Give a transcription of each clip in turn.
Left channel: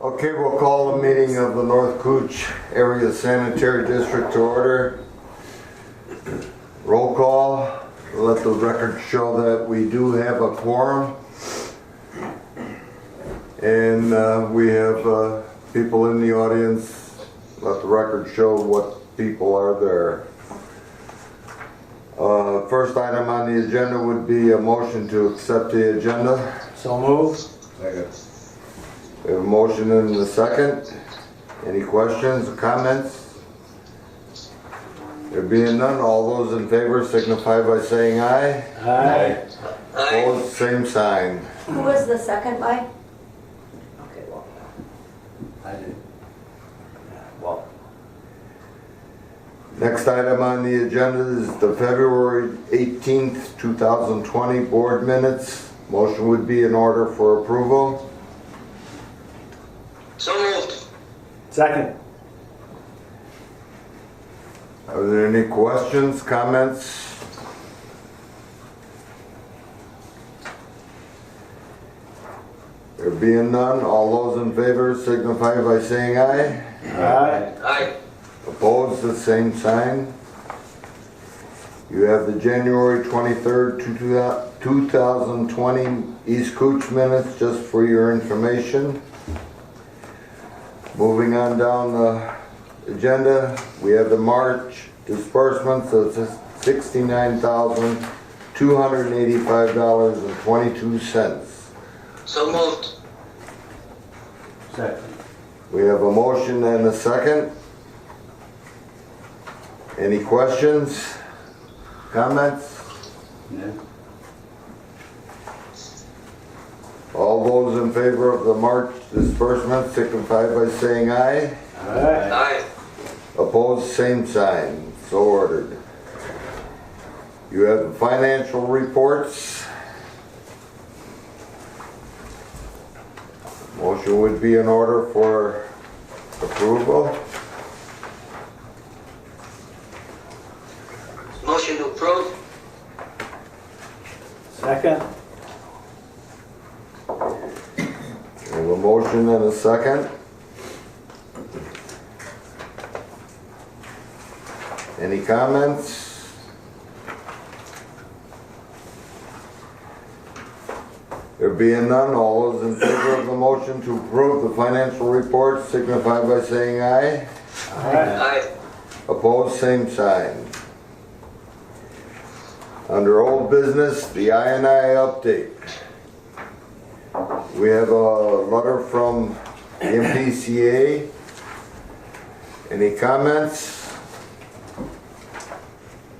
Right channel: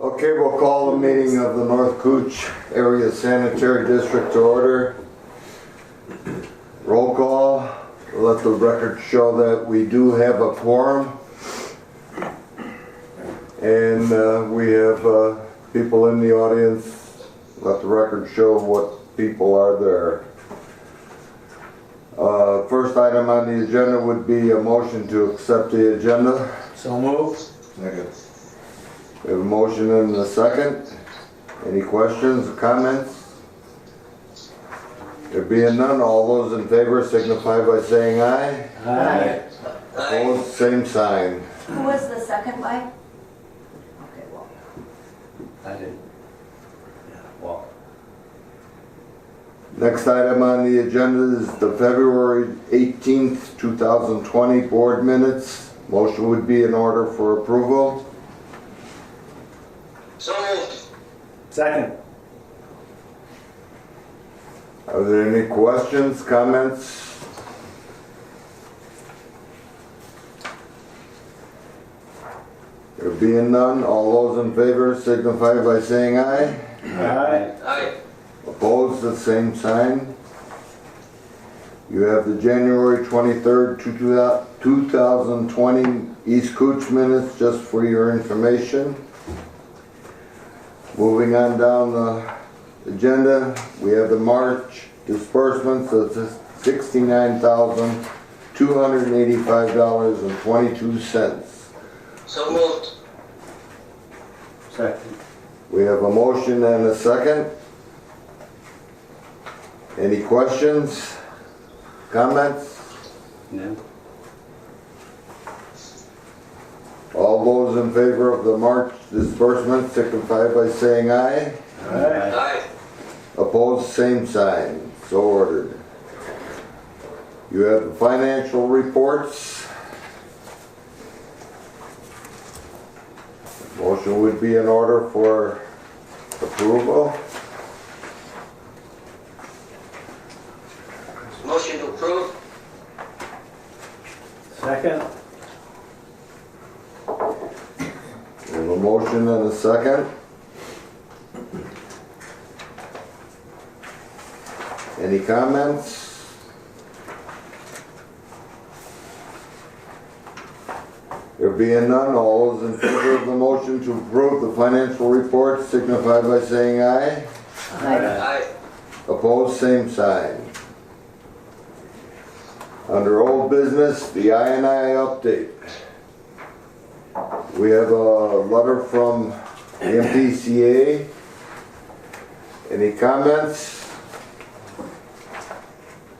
Okay, we'll call the meeting of the North Cooch Area Sanitary District to order. Roll call. Let the record show that we do have a quorum. And we have people in the audience. Let the record show what people are there. First item on the agenda would be a motion to accept the agenda. So moved. Second. We have a motion and a second. Any questions or comments? There being none, all those in favor signify by saying aye. Aye. Opposed, same sign. Who was the second by? Okay, well. I did. Yeah, well. Next item on the agenda is the February 18th, 2020 board minutes. Motion would be in order for approval. So moved. Second. Are there any questions, comments? There being none, all those in favor signify by saying aye. Aye. Aye. Opposed, the same sign. You have the January 23rd, 2020 East Cooch minutes, just for your information. Moving on down the agenda, we have the March disbursements of $69,285.22. So moved. Second. We have a motion and a second. Any questions, comments? No. All those in favor of the March disbursement signify by saying aye. Aye. Aye. Opposed, same sign. So ordered. You have the financial reports. Motion would be in order for approval. Motion to approve. Second. We have a motion and a second. Any comments? There being none, all those in favor of the motion to approve the financial report signify by saying aye. Aye. Opposed, same sign. Under old business, the I&I update. We have a letter from the MPCA. Any comments?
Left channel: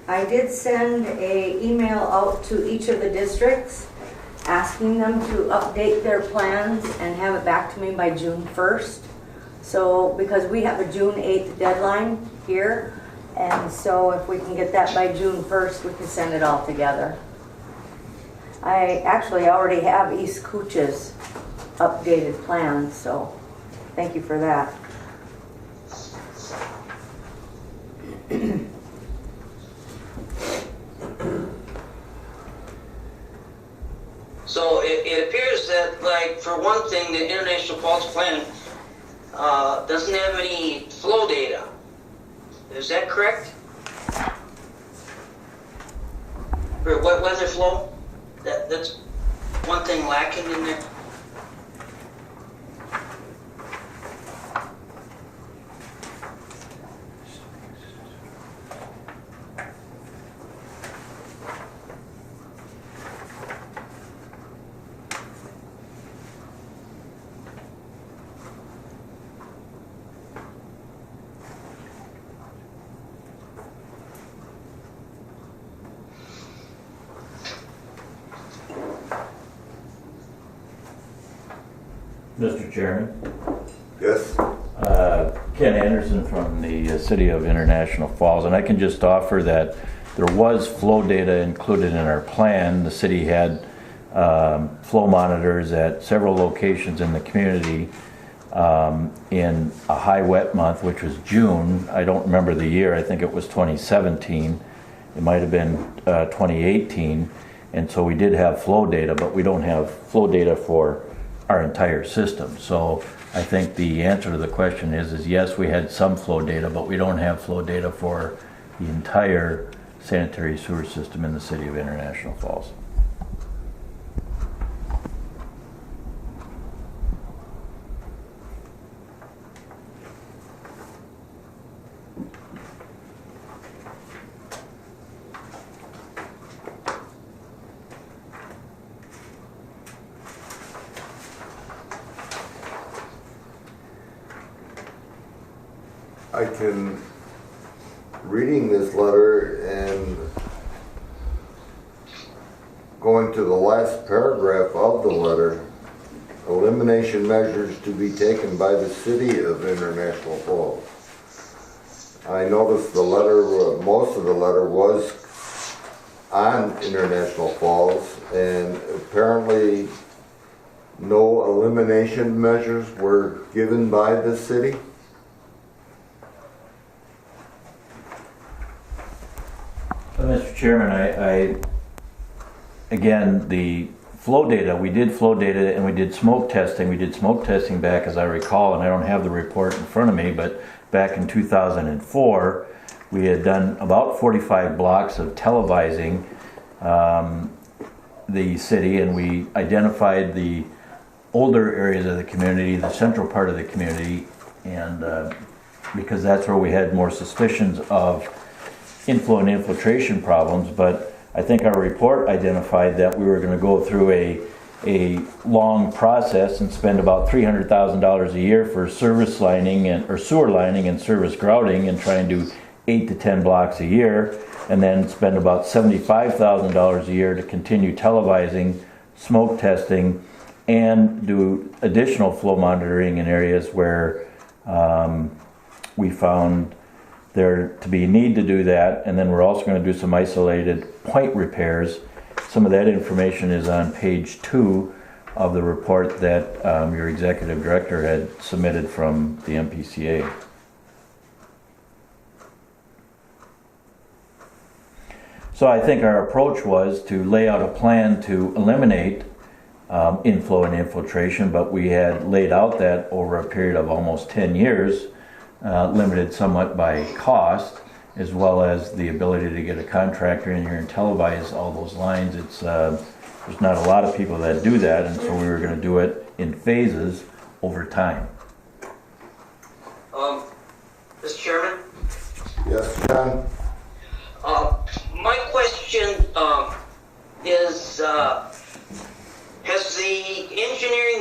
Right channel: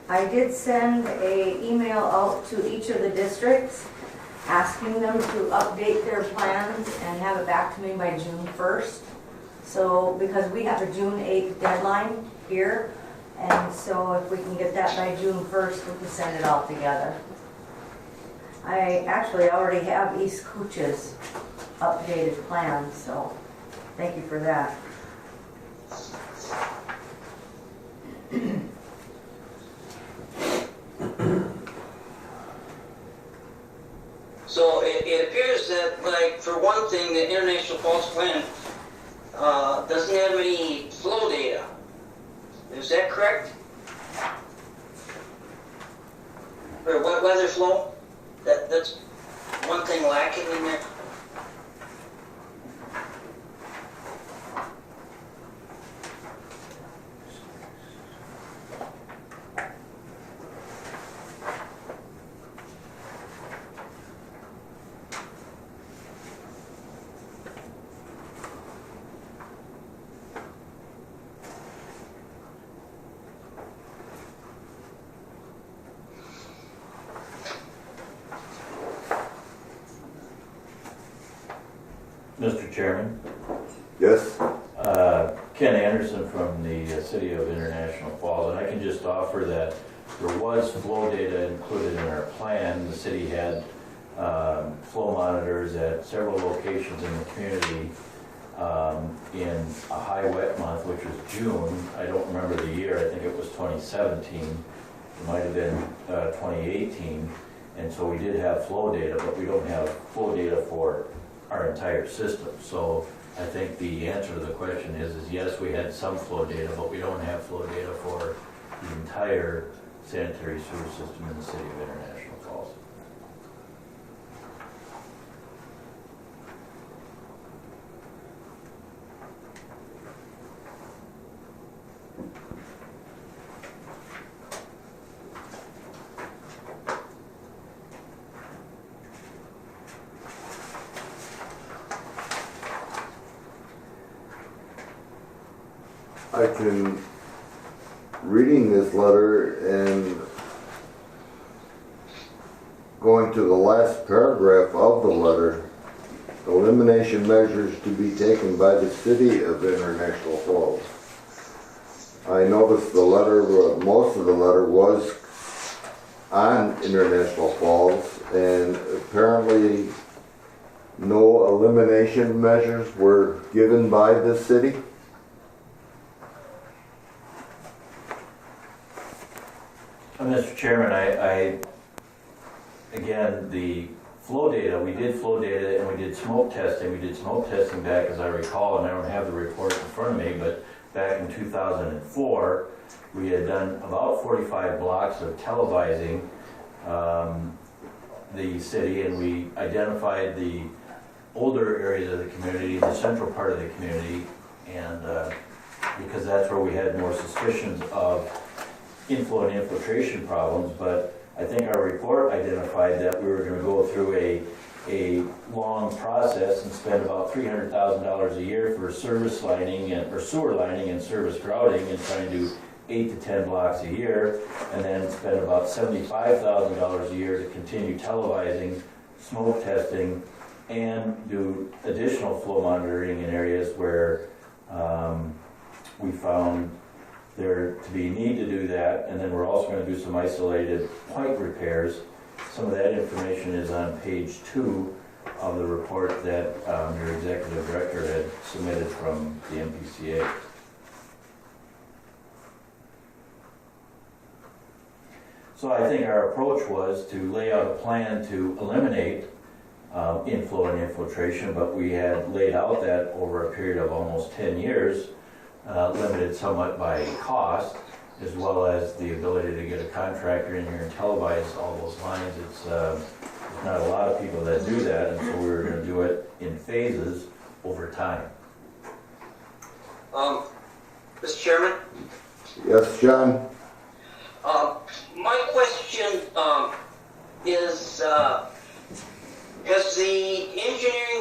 I did send an email out to each of the districts asking them to update their plans and have it back to me by June 1st. So, because we have a June 8th deadline here, and so if we can get that by June 1st, we can send it all together. I actually already have East Cooch's updated plans, so thank you for that. So it appears that, like, for one thing, the International Falls Plan doesn't have any flow data. Is that correct? For weather flow? That's one thing lacking in there. Mr. Chairman, Yes? Ken Anderson from the City of International Falls, and I can just offer that there was flow data included in our plan. The city had flow monitors at several locations in the community in a high wet month, which was June. I don't remember the year. I think it was 2017. It might have been 2018. And so we did have flow data, but we don't have flow data for our entire system. So I think the answer to the question is yes, we had some flow data, but we don't have flow data for the entire sanitary sewer system in the city of International Falls. I can, reading this letter and going to the last paragraph of the letter, elimination measures to be taken by the city of International Falls. I noticed the letter, most of the letter was on International Falls, and apparently no elimination measures were given by the city. Mr. Chairman, again, the flow data, we did flow data and we did smoke testing. We did smoke testing back, as I recall, and I don't have the report in front of me, but back in 2004, we had done about 45 blocks of televising the city, and we identified the older areas of the community, the central part of the community, and because that's where we had more suspicions of inflow and infiltration problems. But I think our report identified that we were going to go through a long process and spend about $300,000 a year for service lining or sewer lining and service grouting, and try and do 8 to 10 blocks a year, and then spend about $75,000 a year to continue televising, smoke testing, and do additional flow monitoring in areas where we found there to be need to do that. And then we're also going to do some isolated point repairs. Some of that information is on page 2 of the report that your executive director had submitted from the MPCA. So I think our approach was to lay out a plan to eliminate inflow and infiltration, but we had laid out that over a period of almost 10 years, limited somewhat by cost, as well as the ability to get a contractor in here and televise all those lines. There's not a lot of people that do that, and so we were going to do it in phases over time. Mr. Chairman? Yes, John? My question is, has the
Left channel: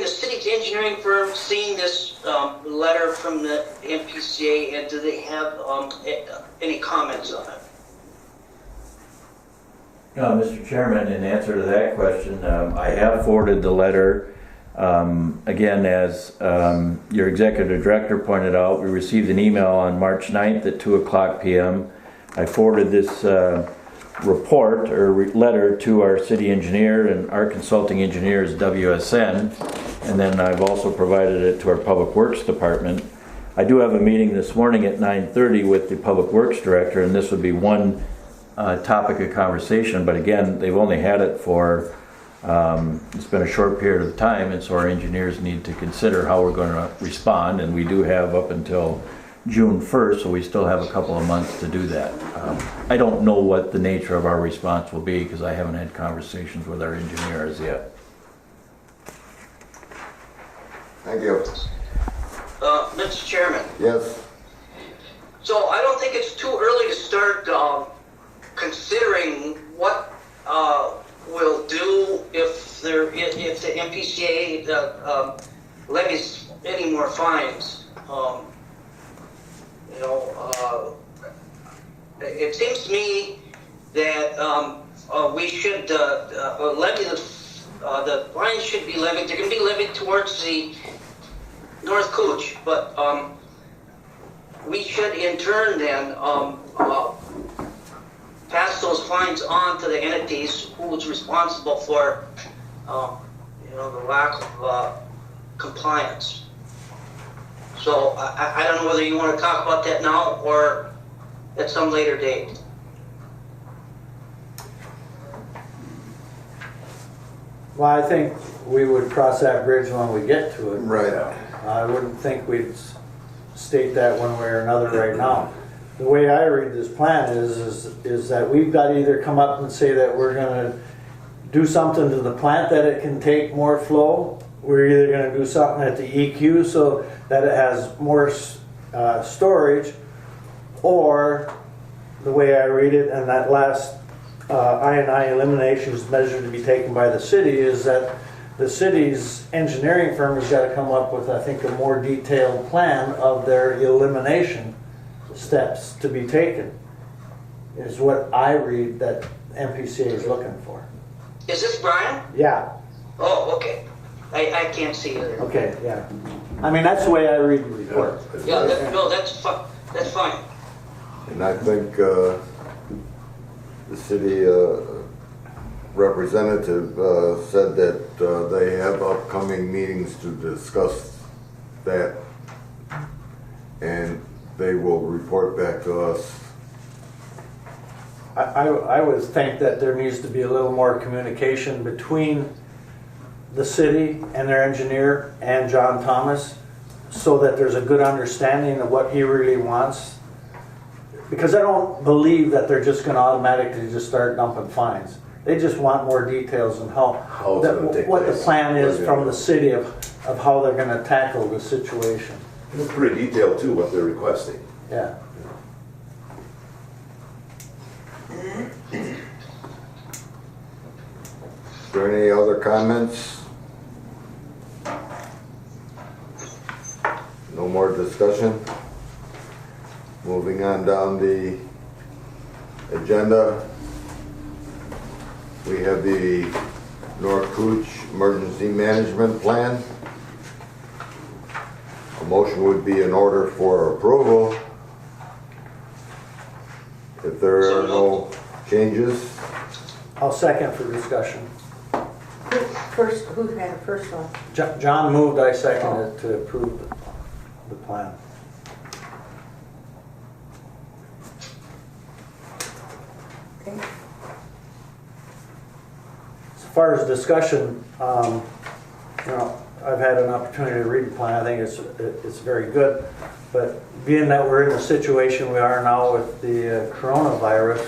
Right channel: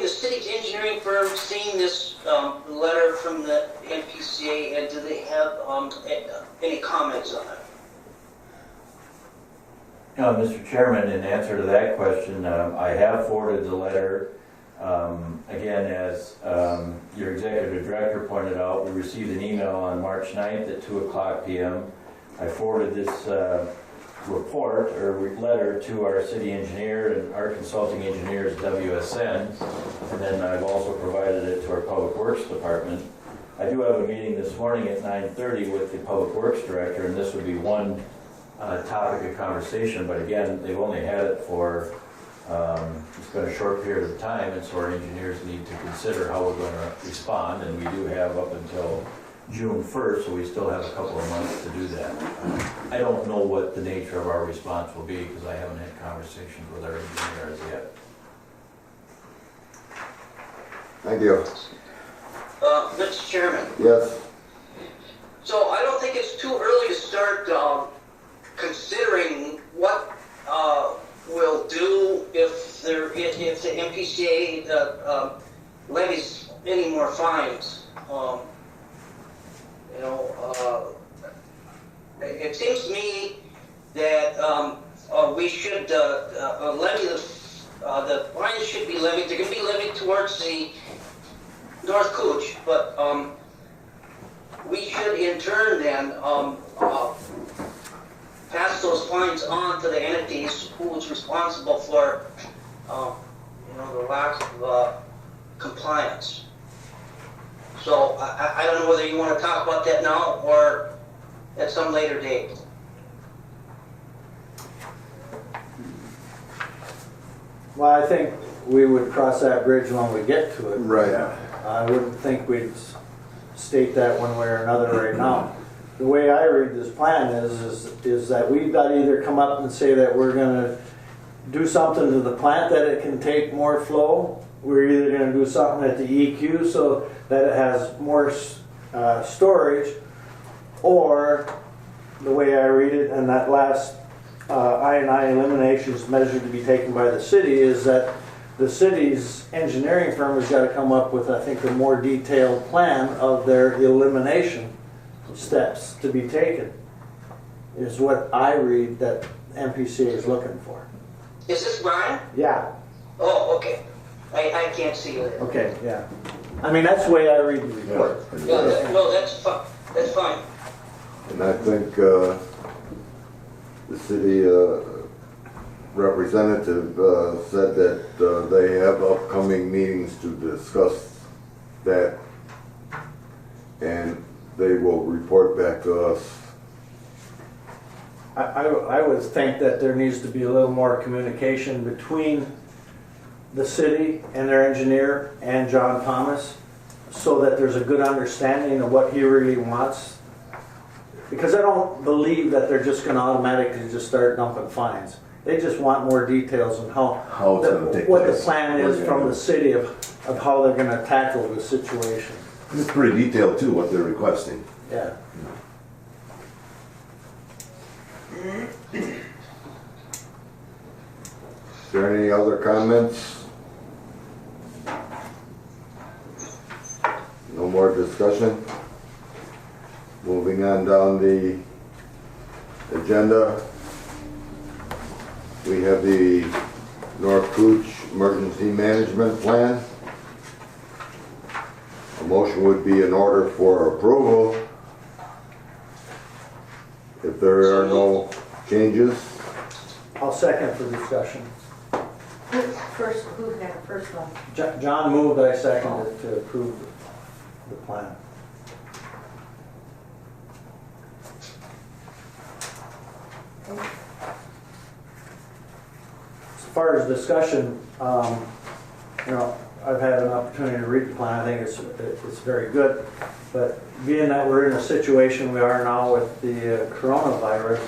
city's engineering firm seen this letter from the MPCA, and do they have any comments on it? Mr. Chairman, in answer to that question, I have forwarded the letter. Again, as your executive director pointed out, we received an email on March 9th at 2:00 p.m. I forwarded this report or letter to our city engineer, and our consulting engineer is WSN, and then I've also provided it to our Public Works Department. I do have a meeting this morning at 9:30 with the Public Works Director, and this would be one topic of conversation, but again, they've only had it for it's been a short period of time, and so our engineers need to consider how we're going to respond, and we do have up until June 1st, so we still have a couple of months to do that. I don't know what the nature of our response will be because I haven't had conversations with our engineers yet. Thank you. Mr. Chairman? Yes. So I don't think it's too early to start considering what we'll do if the MPCA levies any more fines. It seems to me that we should levy the fines should be levied. They're going to be levied towards the North Cooch, but we should in turn then pass those fines on to the entities who is responsible for the lack of compliance. So I don't know whether you want to talk about that now or at some later date. Well, I think we would cross that bridge when we get to it. Right. I wouldn't think we'd state that one way or another right now. The way I read this plan is that we've got to either come up and say that we're gonna do something to the plant that it can take more flow. We're either gonna do something at the EQ so that it has more storage, or the way I read it, and that last I&I eliminations measure to be taken by the city, is that the city's engineering firm has got to come up with, I think, a more detailed plan of their elimination steps to be taken, is what I read that MPCA is looking for. Is this Brian? Yeah, Oh, okay. I can't see you there. okay, yeah. I mean, that's the way I read the report. Yeah, no, that's fine. And I think the city representative said that they have upcoming meetings to discuss that, and they will report back to us. I would think that there needs to be a little more communication between the city and their engineer and John Thomas, so that there's a good understanding of what he really wants. Because I don't believe that they're just going to automatically just start dumping fines. They just want more details on How it's gonna take what the place. plan is from the city of how they're going to tackle the situation. And it's pretty detailed too, what they're requesting. Yeah. Is there any other comments? No more discussion? Moving on down the agenda, we have the North Cooch Emergency Management Plan. A motion would be in order for approval. If there are no changes, I'll second for discussion. Who had the first one? John moved, I seconded to approve the plan. Okay. As far as discussion, I've had an opportunity to read the plan. I think it's very good. But being that we're in the situation we are now with the coronavirus,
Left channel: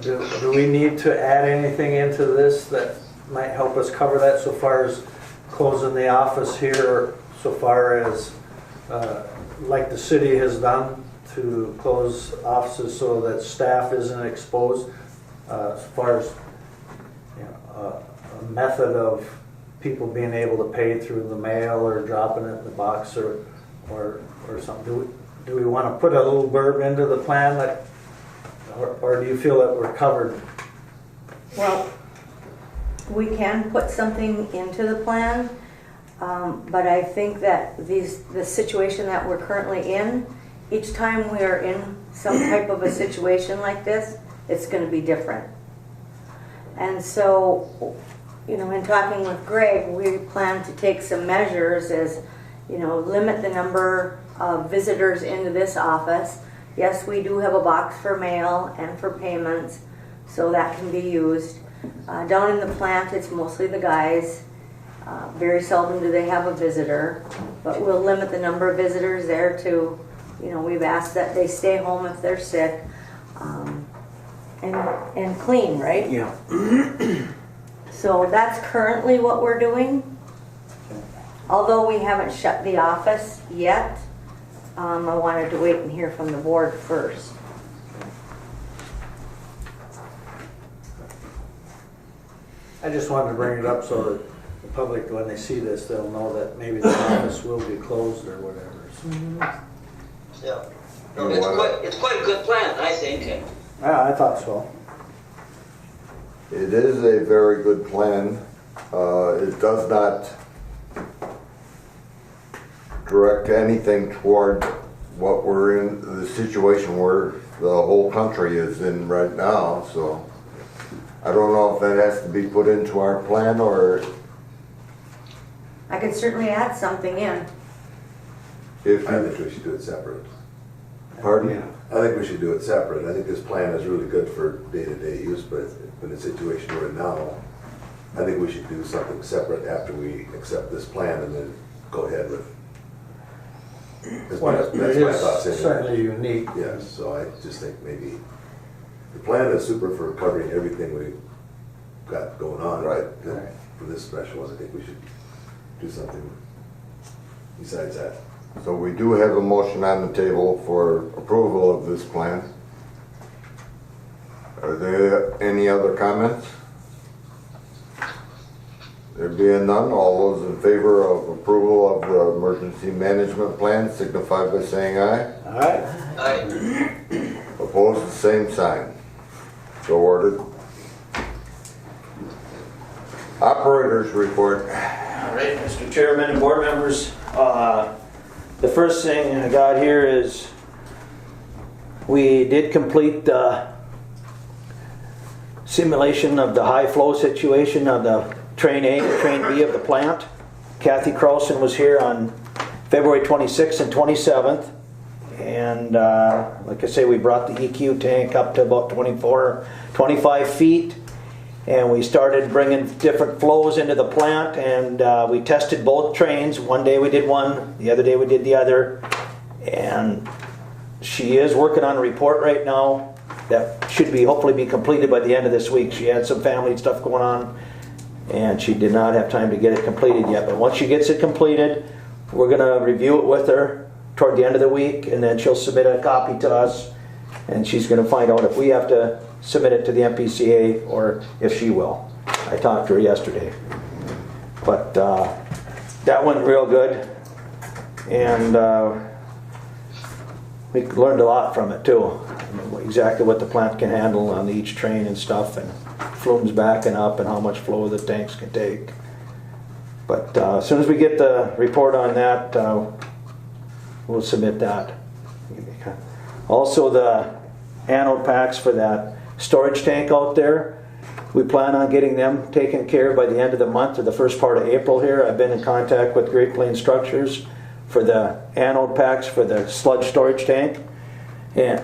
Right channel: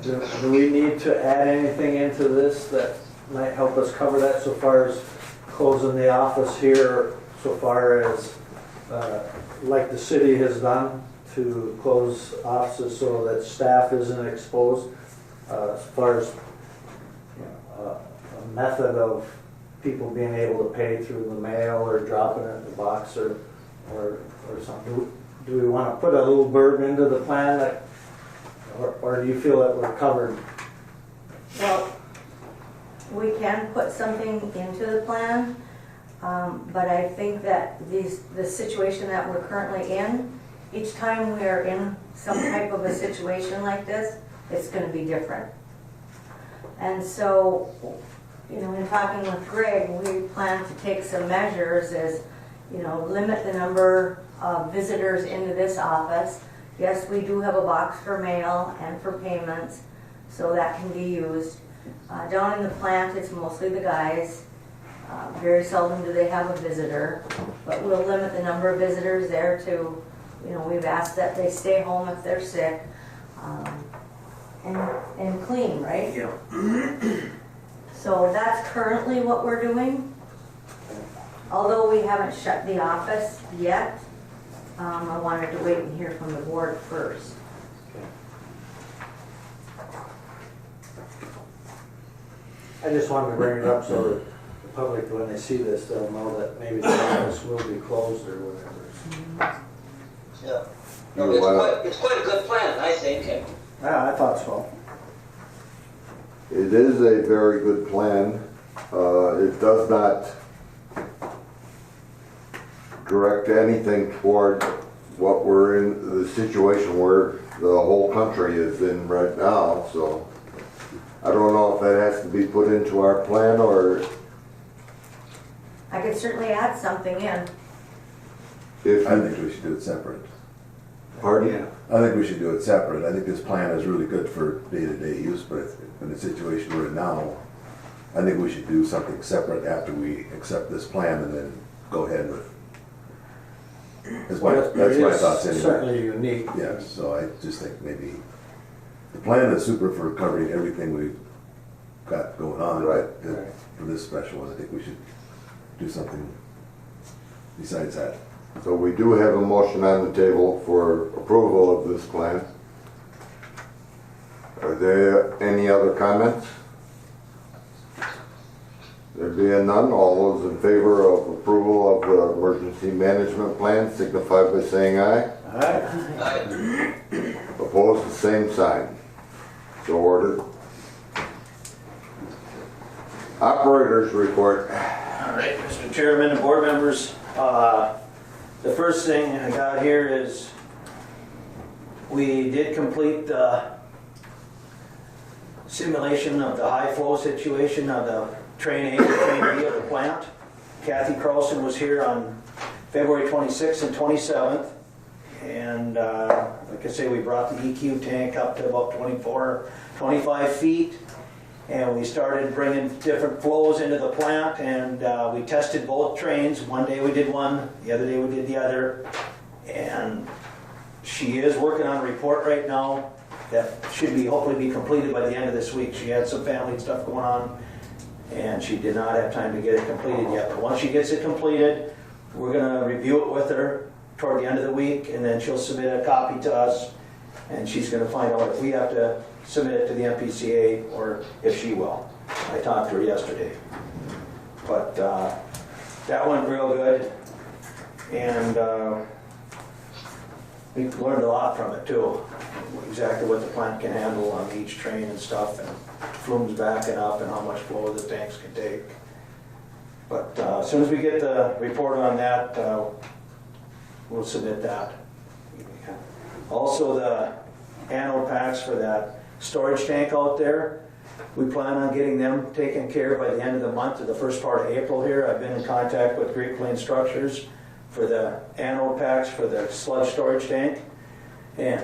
do we need to add anything into this that might help us cover that, so far as closing the office here, so far as like the city has done to close offices so that staff isn't exposed, as far as a method of people being able to pay through the mail or dropping it in the box or something? Do we want to put a little burden into the plan, that, or do you feel that we're covered? Well, we can put something into the plan, but I think that the situation that we're currently in, each time we are in some type of a situation like this, it's going to be different. And so, in talking with Greg, we plan to take some measures as, limit the number of visitors into this office. Yes, we do have a box for mail and for payments, so that can be used. Down in the plant, it's mostly the guys. Very seldom do they have a visitor, but we'll limit the number of visitors there to, we've asked that they stay home if they're sick, and clean, right? Yeah. So that's currently what we're doing. Although we haven't shut the office yet, I wanted to wait and hear from the board first. I just wanted to bring it up so that the public, when they see this, they'll know that maybe the office will be closed or whatever. Yeah. No, it's quite a good plan, I think. Yeah, I thought so. it is a very good plan. It does not direct anything toward what we're in, the situation where the whole country is in right now, so I don't know if that has to be put into our plan or I could certainly add something in. if, I think we should do it separate. pardon? I think we should do it separate. I think this plan is really good for day-to-day use, but in the situation we're in now, I think we should do something separate after we accept this plan and then go ahead with. That's my thoughts It is anyway. certainly unique. Yes, so I just think maybe the plan is super for covering everything we've got going on, but Right. for this special one, I think we should do something besides that. So we do have a motion on the table for approval of this plan. Are there any other comments? There being none, all those in favor of approval of the emergency management plan signify by saying aye. Aye. Aye. Opposed, the same sign. So ordered. Operators report. All right, Mr. Chairman and board members, the first thing I got here is we did complete the simulation of the high flow situation of the train A and train B of the plant. Kathy Carlson was here on February 26th and 27th. And like I say, we brought the EQ tank up to about 25 feet. And we started bringing different flows into the plant, and we tested both trains. One day we did one, the other day we did the other. And she is working on a report right now that should be hopefully be completed by the end of this week. She had some family stuff going on, and she did not have time to get it completed yet. But once she gets it completed, we're going to review it with her toward the end of the week, and then she'll submit a copy to us, and she's going to find out if we have to submit it to the MPCA or if she will. I talked to her yesterday. But that went real good, and we learned a lot from it too. Exactly what the plant can handle on each train and stuff, and flumes backing up and how much flow the tanks can take. But as soon as we get the report on that, we'll submit that. Also, the anode packs for that storage tank out there, we plan on getting them taken care of by the end of the month or the first part of April here. I've been in contact with Great Plains Structures for the anode packs for the sludge storage tank, and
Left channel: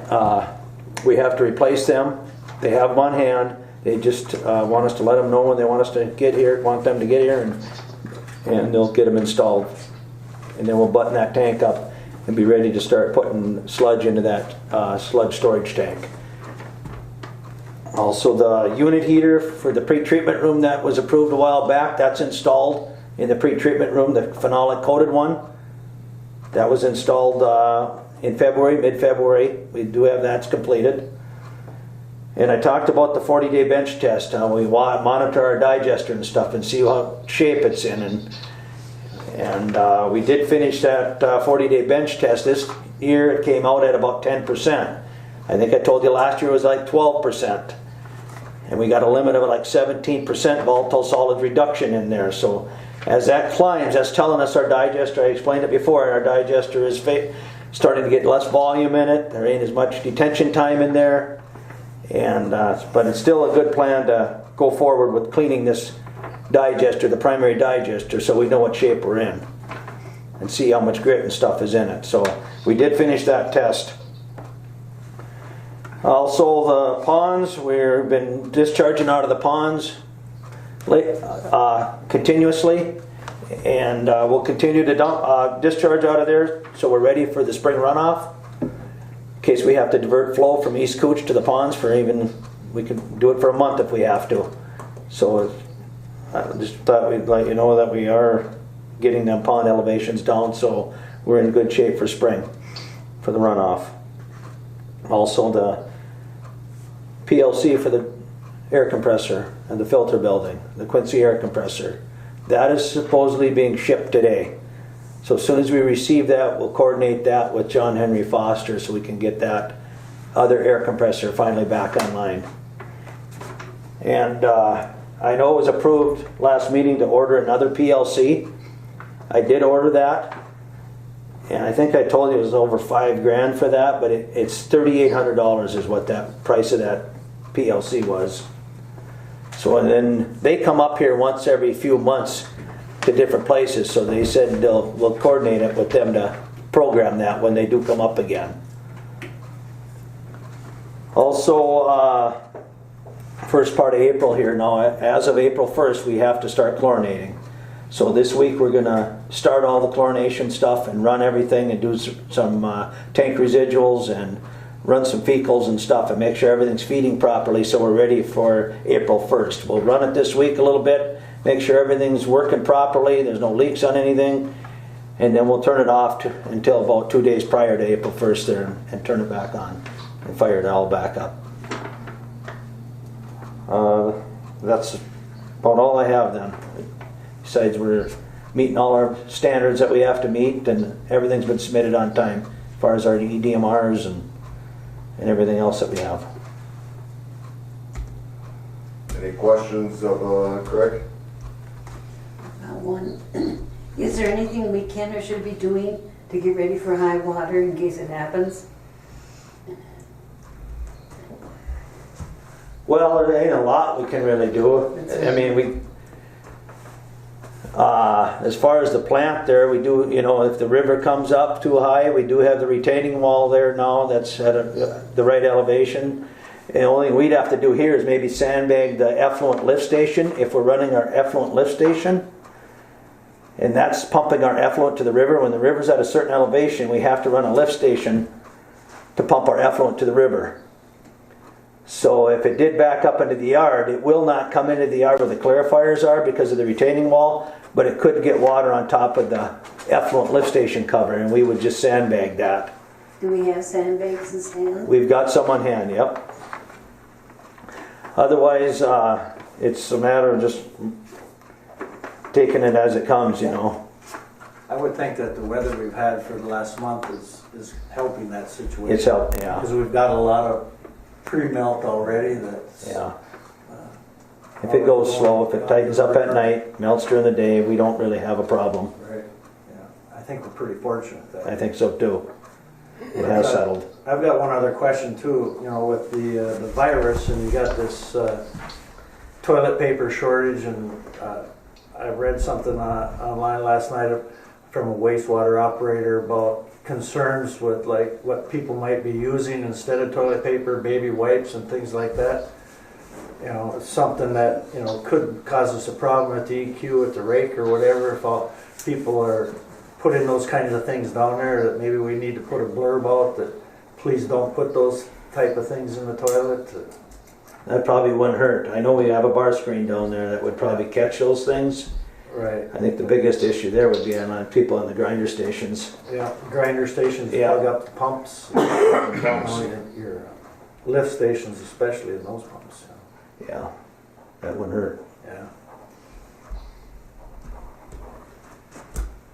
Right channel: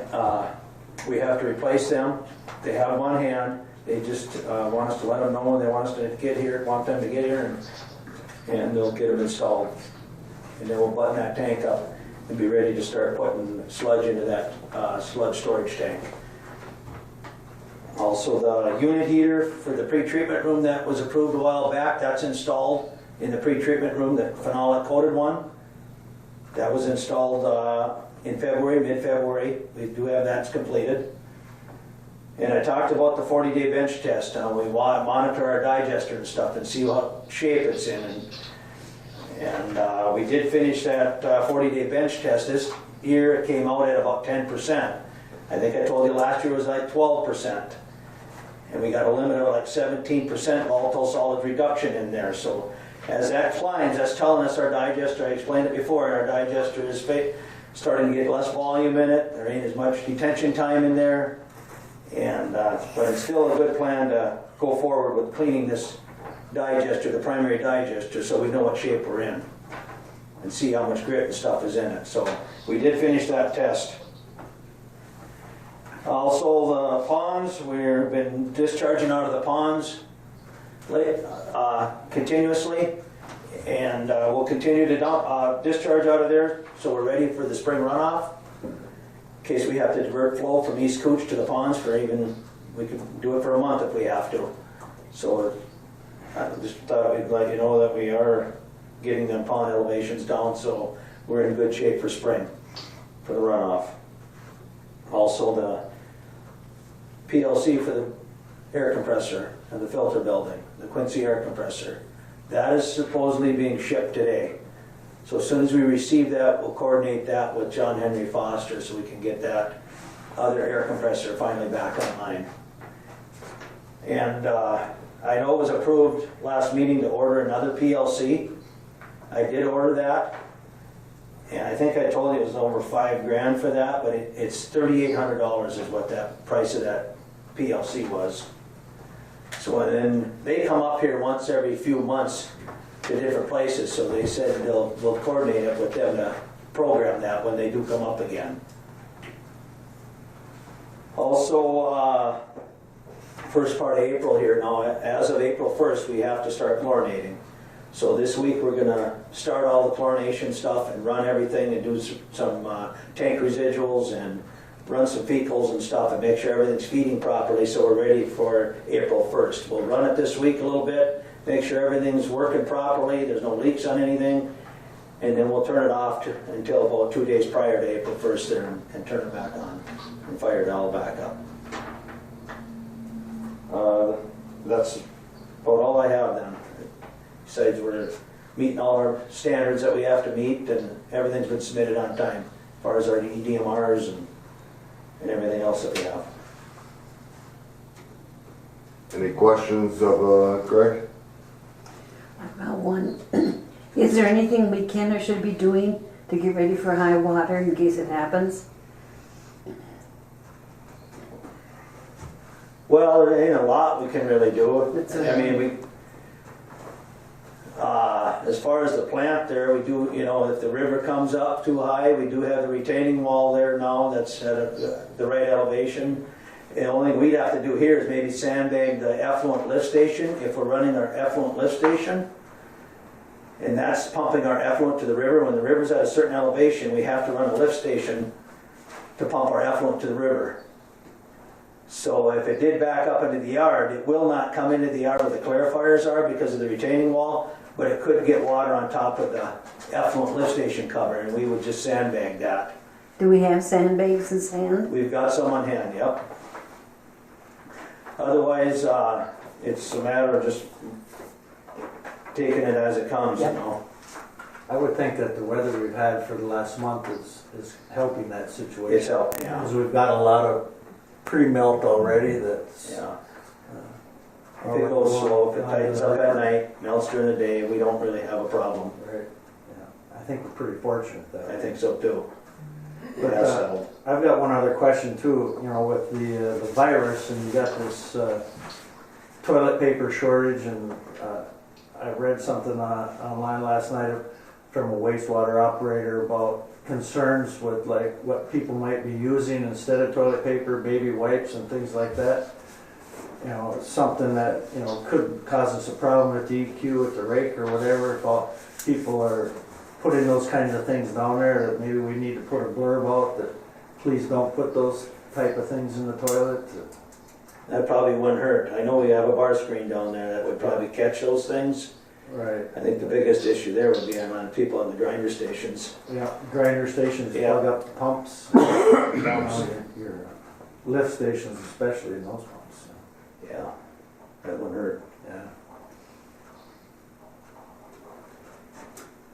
we have to replace them. They have them on hand. They just want us to let them know when they want them to get here, and they'll get them installed. And then we'll button that tank up and be ready to start putting sludge into that sludge storage tank. Also, the unit heater for the pre-treatment room that was approved a while back, that's installed in the pre-treatment room, the phenolic coated one. That was installed in February, mid-February. We do have that's completed. And I talked about the 40-day bench test, how we monitor our digester and stuff and see what shape it's in. And we did finish that 40-day bench test. This year it came out at about 10%. I think I told you last year it was like 12%. And we got a limit of like 17% volatile solid reduction in there. So as that climbs, that's telling us our digester, I explained it before, our digester is starting to get less volume in it. There ain't as much detention time in there. And but it's still a good plan to go forward with cleaning this digester, the primary digester, so we know what shape we're in and see how much grit and stuff is in it. So we did finish that test. Also, the ponds, we've been discharging out of the ponds continuously, and we'll continue to discharge out of there, so we're ready for the spring runoff. In case we have to divert flow from East Cooch to the ponds we can do it for a month if we have to. So I just thought we'd let you know that we are getting them pond elevations down, so we're in good shape for spring, for the runoff. Also, the PLC for the air compressor and the filter building, the Quincy air compressor, that is supposedly being shipped today. So as soon as we receive that, we'll coordinate that with John Henry Foster so we can get that other air compressor finally back online. And I know it was approved last meeting to order another PLC. I did order that, and I think I told you it was over $5,000 for that, but it's $3,800 is what that price of that PLC was. So and then they come up here once every few months to different places, so they said we'll coordinate it with them to program that when they do come up again. Also, first part of April here now. As of April 1st, we have to start chlorinating. So this week we're gonna start all the chlorination stuff and run everything and do some tank residuals and run some fecals and stuff and make sure everything's feeding properly so we're ready for April 1st. We'll run it this week a little bit, make sure everything's working properly, there's no leaks on anything, and then we'll turn it off until about 2 days prior to April 1st there and turn it back on and fire it all back up. That's about all I have then. Besides, we're meeting all our standards that we have to meet, and everything's been submitted on time as far as our EDMRs and everything else that we have. Any questions of Craig? About one. Is there anything we can or should be doing to get ready for high water in case it happens? Well, there ain't a lot we can really do. I mean, as far as the plant there, we do, if the river comes up too high, we do have the retaining wall there now that's at the right elevation. And the only thing we'd have to do here is maybe sandbag the effluent lift station if we're running our effluent lift station. And that's pumping our effluent to the river. When the river's at a certain elevation, we have to run a lift station to pump our effluent to the river. So if it did back up into the yard, it will not come into the yard where the clarifiers are because of the retaining wall, but it could get water on top of the effluent lift station cover, and we would just sandbag that. Do we have sandbags and sand? We've got some on hand, yep. Otherwise, it's a matter of just taking it as it comes, I would think that the weather we've had for the last month is helping that situation. It's helping, yeah. Because we've got a lot of pre-melt already that's... Yeah. If it goes slow, if it tightens up at night, melts during the day, we don't really have a problem. Right, yeah. I think we're pretty fortunate that. I think so too. It has settled. I've got one other question too, with the virus, and you got this toilet paper shortage, and I read something online last night from a wastewater operator about concerns with like what people might be using instead of toilet paper, baby wipes and things like that. Something that, could cause us a problem at the EQ, at the rake or whatever, if all people are putting those kinds of things down there, that maybe we need to put a blurb out that please don't put those type of things in the toilet. That probably wouldn't hurt. I know we have a bar screen down there that would probably catch those things. Right. I think the biggest issue there would be on people on the grinder stations. Yeah, grinder stations plug up the pumps. Your lift stations, especially in those pumps. Yeah, that wouldn't hurt. Yeah.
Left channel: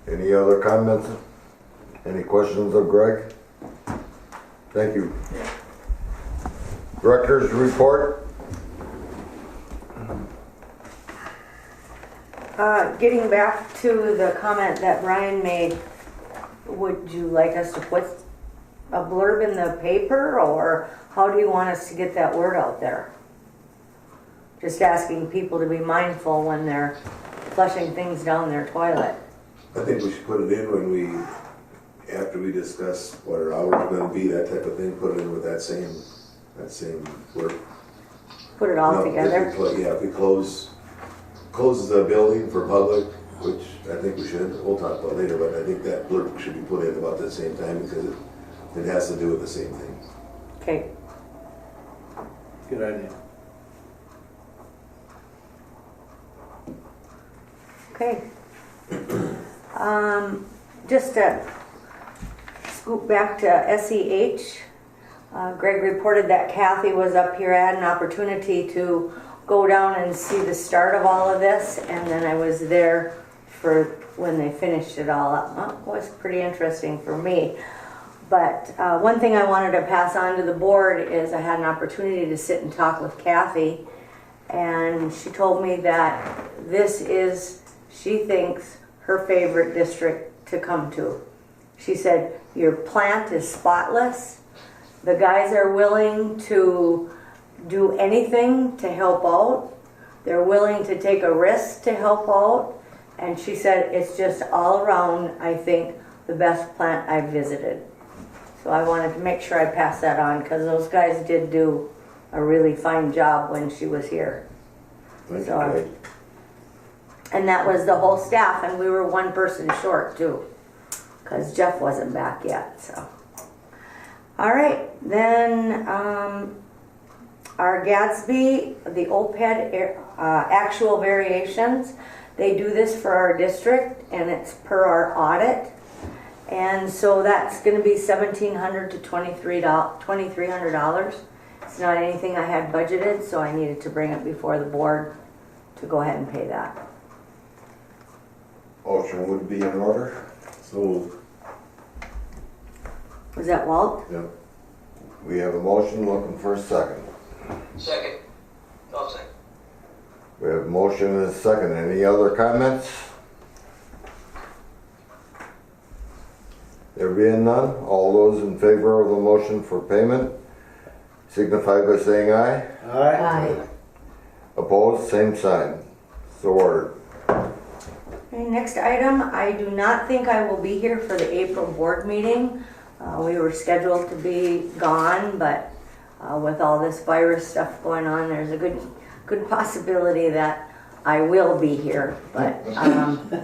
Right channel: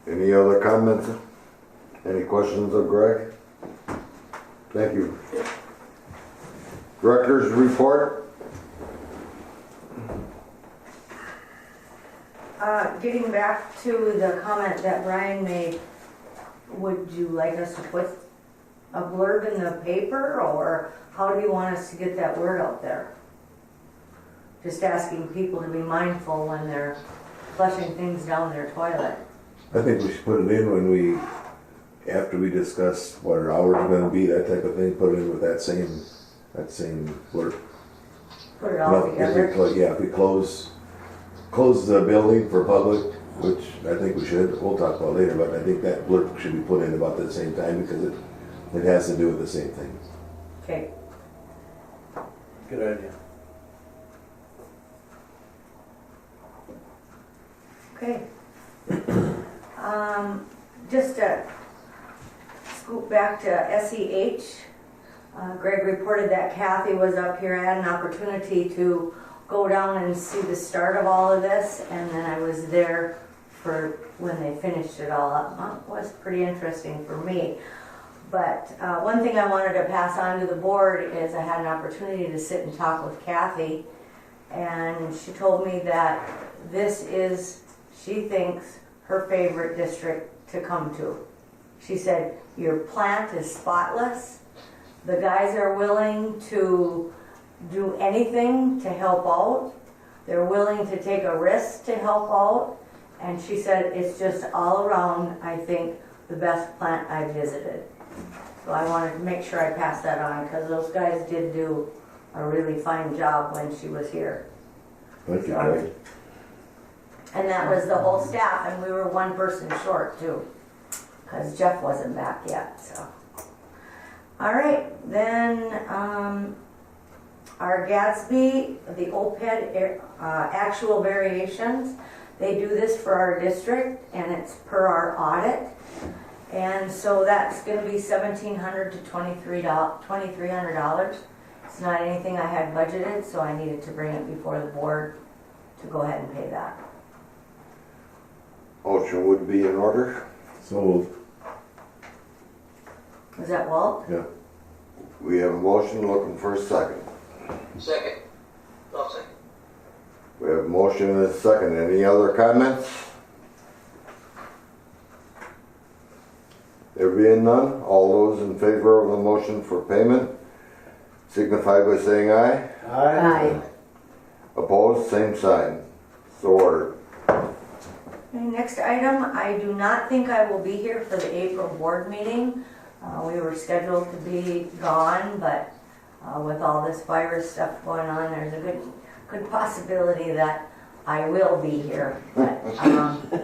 Any other comments? Any questions of Greg? Thank you. Director's report? Getting back to the comment that Brian made, would you like us to put a blurb in the paper, or how do you want us to get that word out there? Just asking people to be mindful when they're flushing things down their toilet. I think we should put it in after we discuss what our hours are gonna be, that type of thing, put it in with that same work. Put it all together. If we close the building for public, which I think we should, we'll talk about later, but I think that blurb should be put in about the same time because it has to do with the same thing. Okay. Good idea. Okay. Just to scoop back to SEH, Greg reported that Kathy was up here. I had an opportunity to go down and see the start of all of this, and then I was there for when they finished it all up. It was pretty interesting for me. But one thing I wanted to pass on to the board is I had an opportunity to sit and talk with Kathy, and she told me that this is, she thinks, her favorite district to come to. She said, your plant is spotless. The guys are willing to do anything to help out. They're willing to take a risk to help out. And she said, it's just all around, I think, the best plant I've visited. So I wanted to make sure I pass that on, because those guys did do a really fine job when she was here. Like So- it, And that was the whole staff, and we were one person short too, because Jeff wasn't back yet, so. All right, then, our Gatsby, the OPED actual variations, they do this for our district, and it's per our audit. And so that's gonna be $1,700 to $2,300. It's not anything I had budgeted, so I needed to bring it before the board to go ahead and pay that. Motion would be in order. so, Was that Walt? yeah, We have a motion, looking for a second. Second. I'll second. We have a motion and a second. Any other comments? There being none, all those in favor of the motion for payment signify by saying aye. Aye. Opposed, same sign. So ordered. Okay, next item, I do not think I will be here for the April board meeting. We were scheduled to be gone, but with all this virus stuff going on, there's a good possibility that I will be here. But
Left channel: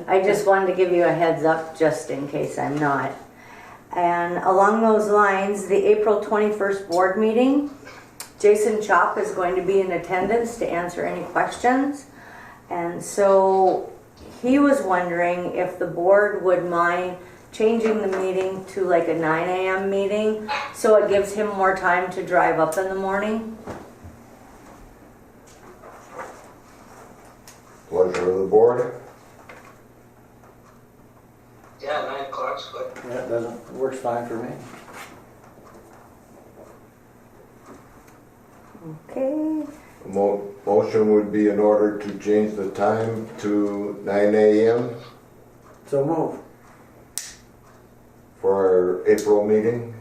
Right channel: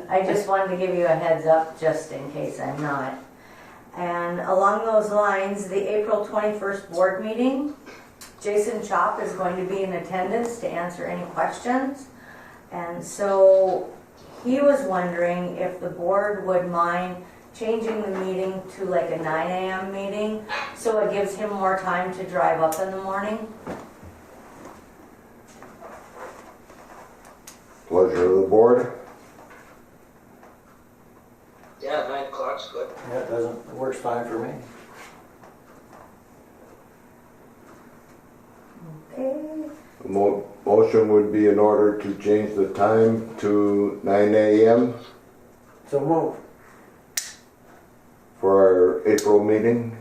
I just wanted to give you a heads up just in case I'm not. And along those lines, the April 21st board meeting, Jason Chop is going to be in attendance to answer any questions. And so he was wondering if the board would mind changing the meeting to like a 9 a.m. meeting, so it gives him more time to drive up in the morning. Pleasure of the board. Yeah, 9 o'clock's good. That doesn't, it works fine for me. Okay. Motion would be in order to change the time to 9 a.m. So move. for our April meeting.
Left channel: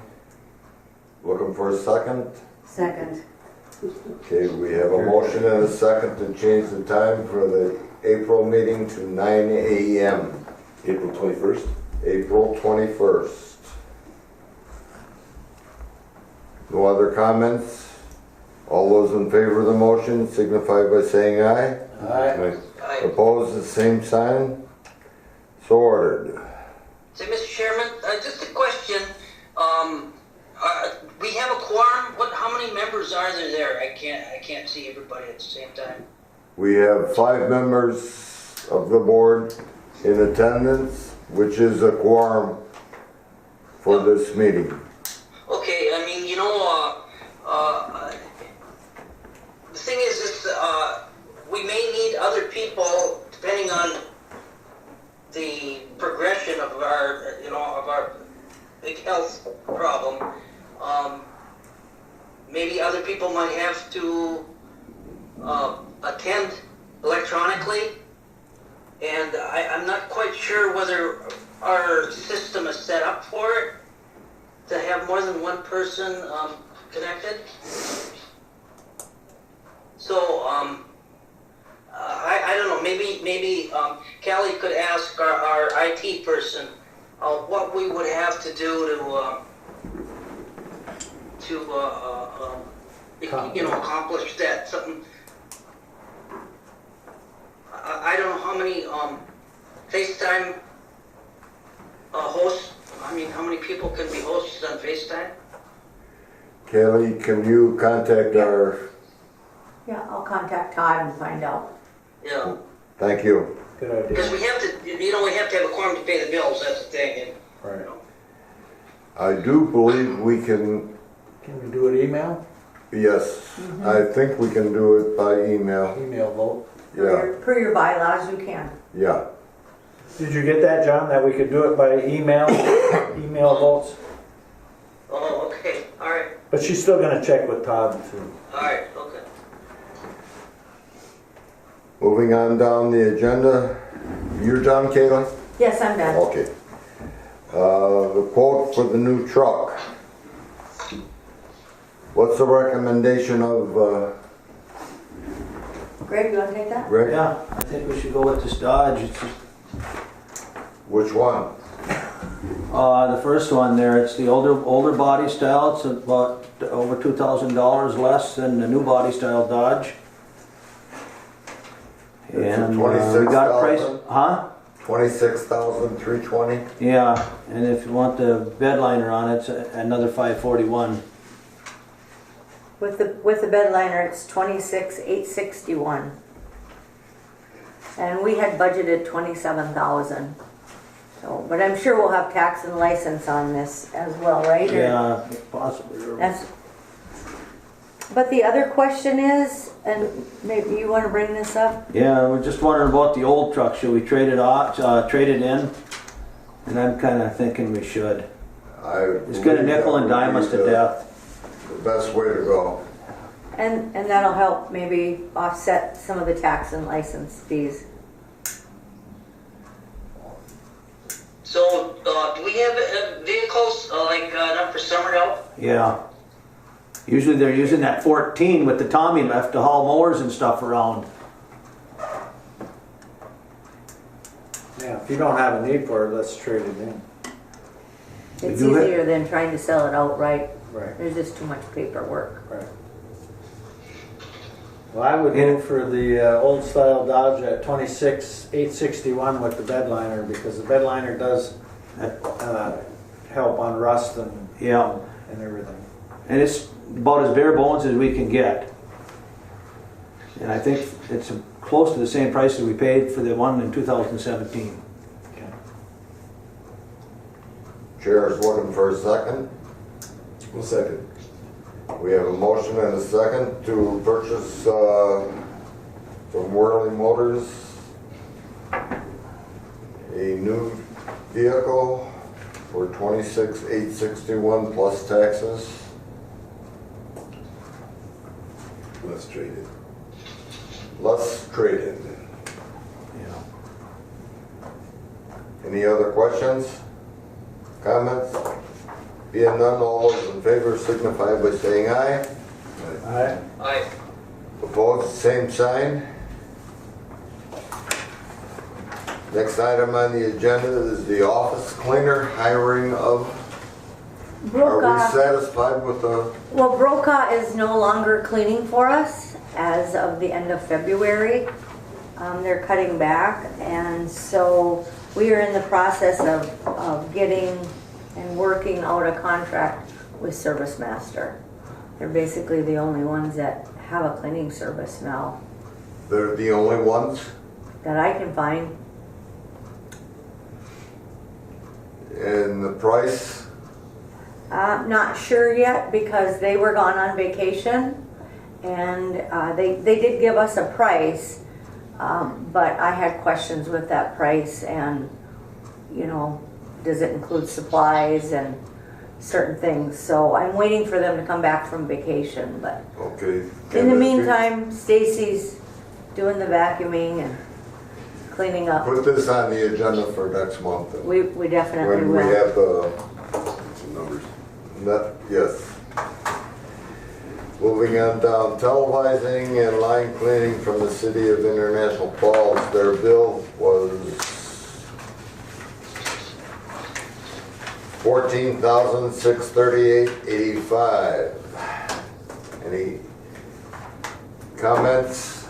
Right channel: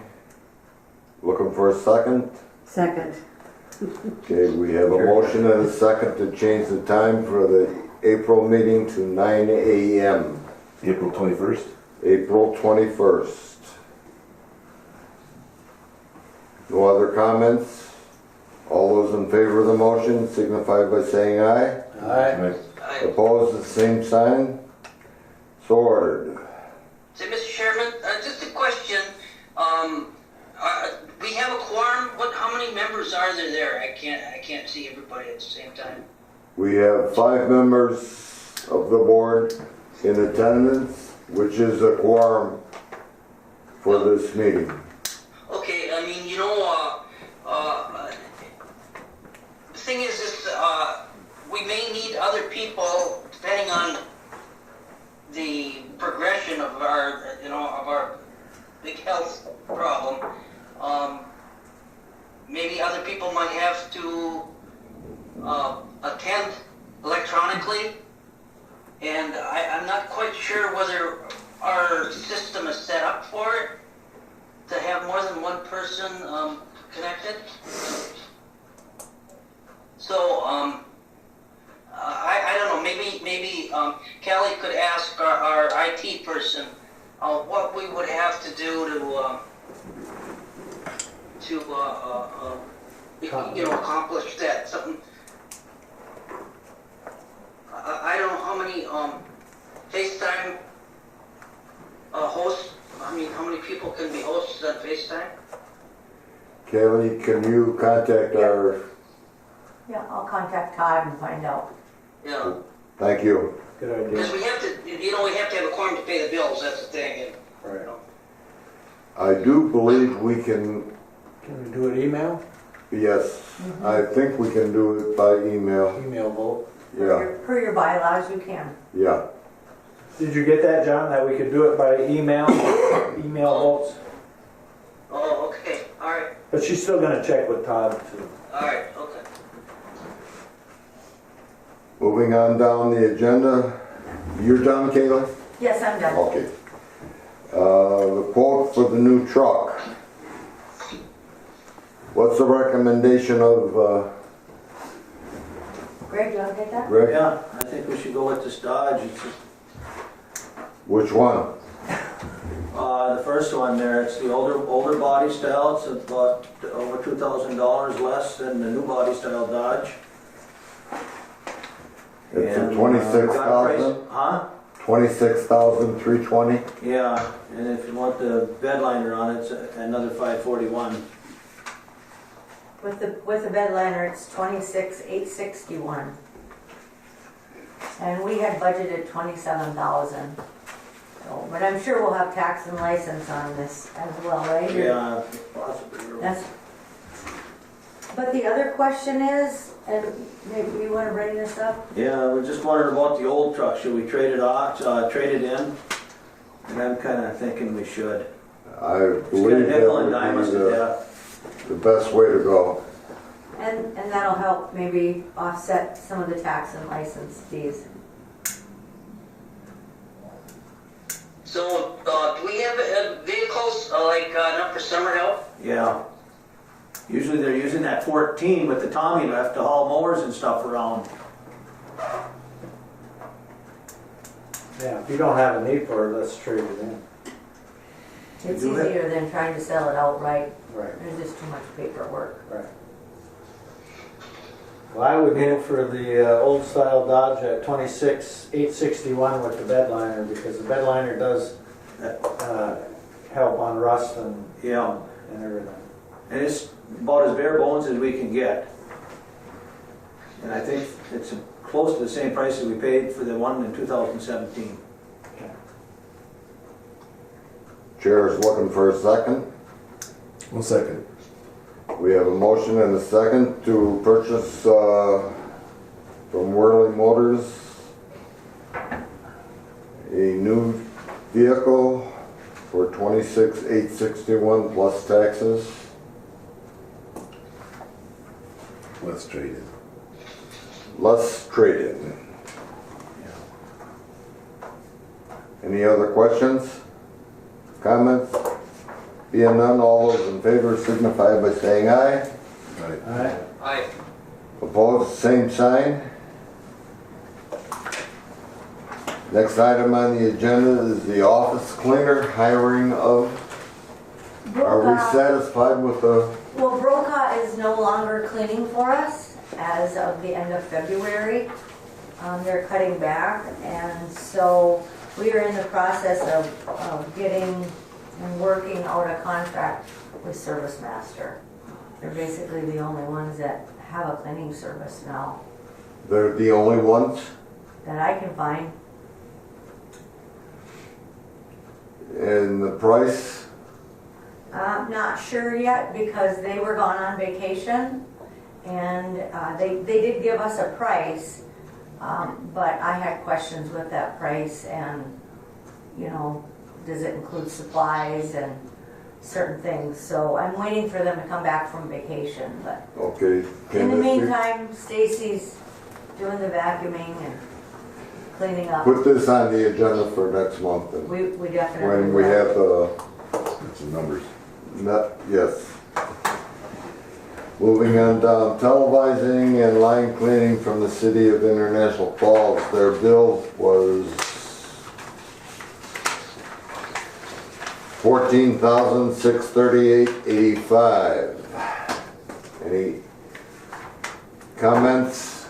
Looking for a second. Second. Okay, we have a motion and a second to change the time for the April meeting to 9 a.m. April 21st. April 21st. No other comments? All those in favor of the motion signify by saying aye. Aye. Aye. Opposed, the same sign. So ordered. Say, Mr. Chairman, just a question. We have a quorum. How many members are there? I can't see everybody at the same time. We have 5 members of the board in attendance, which is a quorum for this meeting. Okay, I mean, the thing is, we may need other people depending on the progression of our big health problem. Maybe other people might have to attend electronically, and I'm not quite sure whether our system is set up for it to have more than one person connected. So I don't know. Maybe Callie could ask our IT person what we would have to do to accomplish that. Something. I don't know how many FaceTime hosts. I mean, how many people can be hosts on FaceTime? Kelly, can you contact our, Yeah, I'll contact Todd and find out. Yeah. thank you. Good idea. Because we have to have a quorum to pay the bills. That's the thing. And, Right. I do believe we can, Can we do it email? yes, I think we can do it by email. Email vote. Yeah, Per your bylaws, you can. yeah. Did you get that, John, that we could do it by email, email votes? oh, okay. All right. But she's still gonna check with Todd too. All right. Okay. Moving on down the agenda. You're done, Kayla? Yes, I'm done. Okay. The quote for the new truck. What's the recommendation of, Greg, you want to take that? Greg? Yeah, I think we should go with this Dodge. It's just, Which one? The first one there, it's the older body style. It's about over $2,000 less than the new body style Dodge. It's And we got price, 26,000? huh? 26,320. Yeah, and if you want the bed liner on it, it's another $541. With the bed liner, it's 26,861. And we had budgeted 27,000. So, but I'm sure we'll have tax and license on this as well, right? Or- Yeah, possibly. But the other question is, and maybe you want to bring this up? Yeah, we're just wondering about the old truck. Should we trade it in? And I'm kind of thinking we should. It's gonna nickel and dime us to death. The best way to go. And that'll help maybe offset some of the tax and license fees. So, do we have vehicles enough for summer help? Yeah. Usually they're using that 14 with the Tommy left to haul mowers and stuff around. Yeah, if you don't have a need for it, let's trade it in. It's do it. easier than trying to sell it outright. Right, There's just too much paperwork. right. Well, I would go for the old style Dodge at 26,861 with the bed liner, because the bed liner does help on rust and Yeah. and everything. And it's about as bare bones as we can get. And I think it's close to the same price that we paid for the one in 2017. Chair is looking for a second. 1 second. We have a motion and a second to purchase from Worley Motors a new vehicle for 26,861 plus taxes. Let's trade it. Let's trade it. Yeah. Any other questions? Comments? Being none, all those in favor signify by saying aye. All right. Aye. Opposed, same sign. Next item on the agenda is the office cleaner hiring of. Are we Brokaw, satisfied with the, well, Brokaw is no longer cleaning for us as of the end of February. They're cutting back, and so we are in the process of getting and working out a contract with Service Master. They're basically the only ones that have a cleaning service now they're the only ones? that I can find. And the price? Not sure yet because they were gone on vacation, and they did give us a price, but I had questions with that price, and you know, does it include supplies and certain things? So I'm waiting for them to come back from vacation, but Okay. in the meantime, Stacy's doing the vacuuming and cleaning up. Put this on the agenda for next month. We definitely When we will. have the, Numbers. yes. Moving on down, televising and line cleaning from the city of International Falls. Their bill was $14,638.85. Any comments?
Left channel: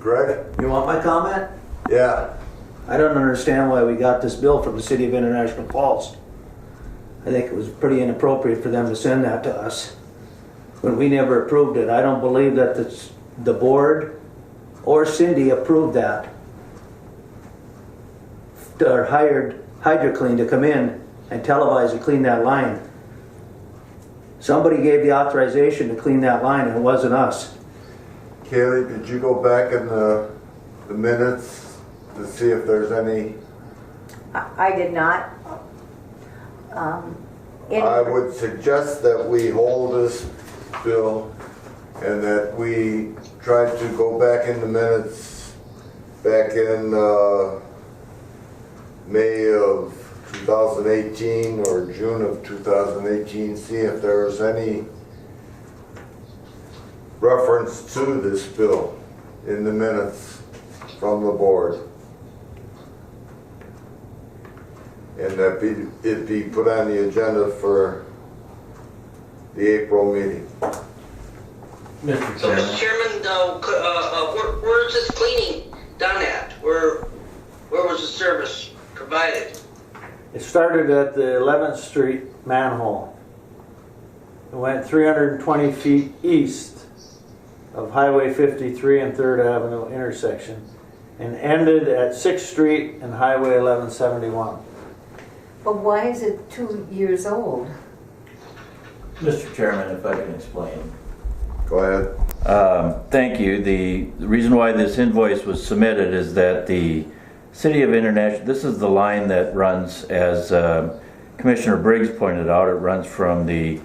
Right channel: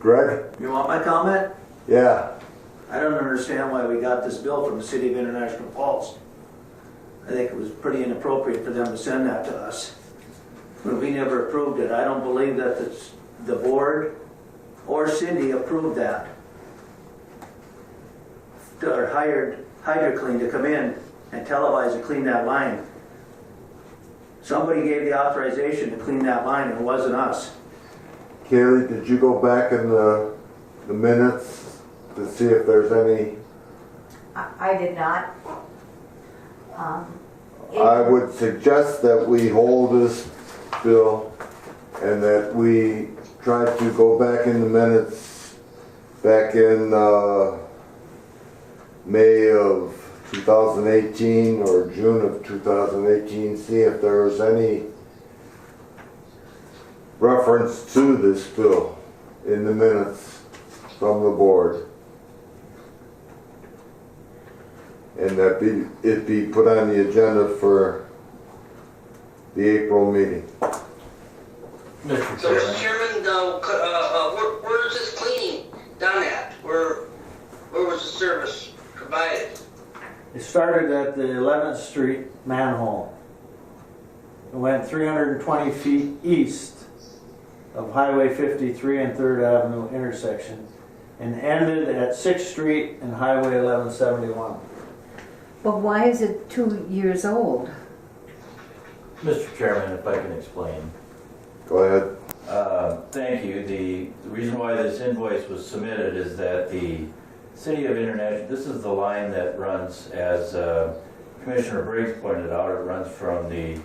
Greg? You want my comment? Yeah. I don't understand why we got this bill from the city of International Falls. I think it was pretty inappropriate for them to send that to us when we never approved it. I don't believe that the board or Cindy approved that. Or hired HydroClean to come in and televise and clean that line. Somebody gave the authorization to clean that line, and it wasn't us. Kaylee, did you go back in the minutes to see if there's any? I did not. I would suggest that we hold this bill and that we try to go back in the minutes back in May of 2018 or June of 2018, see if there is any reference to this bill in the minutes from the board. and that it be put on the agenda for the April meeting. Mr. So, Mr. Chairman, Chairman, where is this cleaning done at? Where was the service provided? It started at the 11th Street manhole. It went 320 feet east of Highway 53 and 3rd Avenue intersection and ended at 6th Street and Highway 1171. But why is it 2 years old? Mr. Chairman, if I can explain. Go ahead. Thank you. The reason why this invoice was submitted is that the City of International, this is the line that runs, as Commissioner Briggs pointed out, it runs from the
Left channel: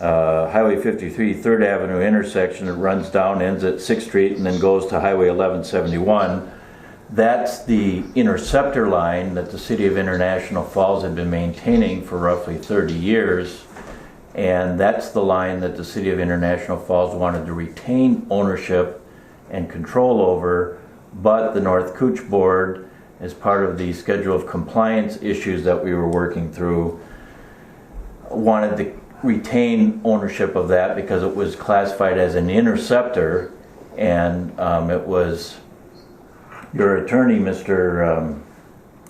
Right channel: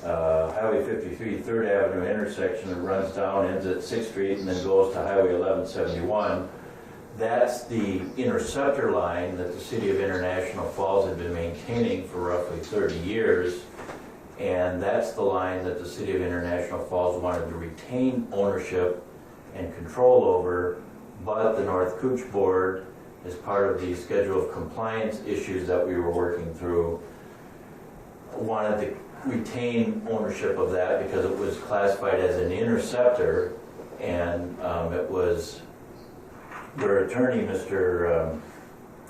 Highway 53 3rd Avenue intersection. It runs down, ends at 6th Street, and then goes to Highway 1171. That's the interceptor line that the City of International Falls had been maintaining for roughly 30 years. And that's the line that the City of International Falls wanted to retain ownership and control over, but the North Cooch Board, as part of the schedule of compliance issues that we were working through, wanted to retain ownership of that because it was classified as an interceptor, and it was your attorney, Mr.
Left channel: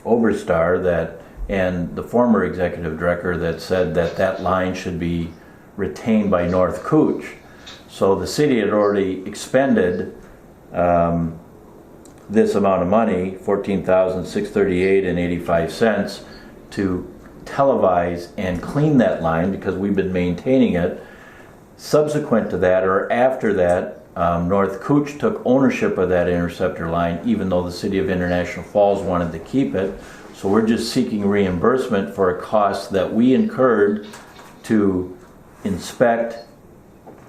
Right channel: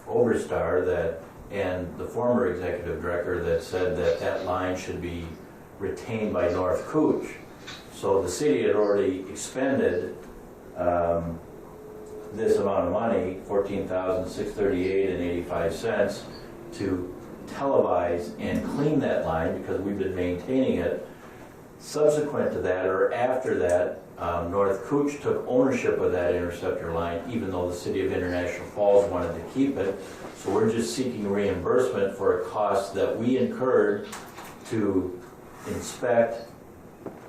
Oberstar, that and the former executive director that said that that line should be retained by North Cooch. So the city had already expended this amount of money, $14,638.85, to televise and clean that line because we've been maintaining it. Subsequent to that, or after that, North Cooch took ownership of that interceptor line, even though the City of International Falls wanted to keep it. So we're just seeking reimbursement for a cost that we incurred to inspect,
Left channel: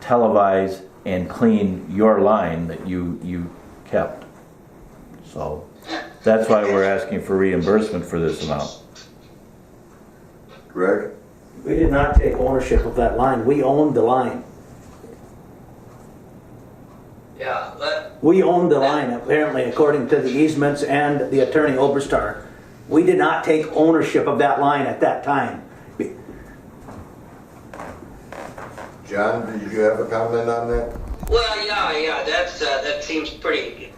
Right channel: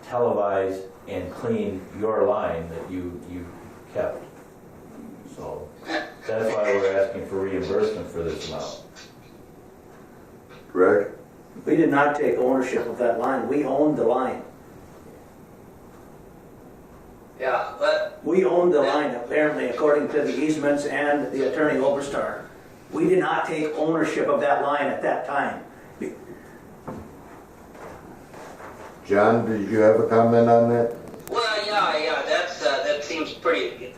televise, and clean your line that you kept. So that's why we're asking for reimbursement for this amount. Greg? We did not take ownership of that line. We owned the line. Yeah, but We owned the line, apparently, according to the easements and the attorney Oberstar. We did not take ownership of that line at that time. John, did you have a comment on that? well, yeah, that seems pretty,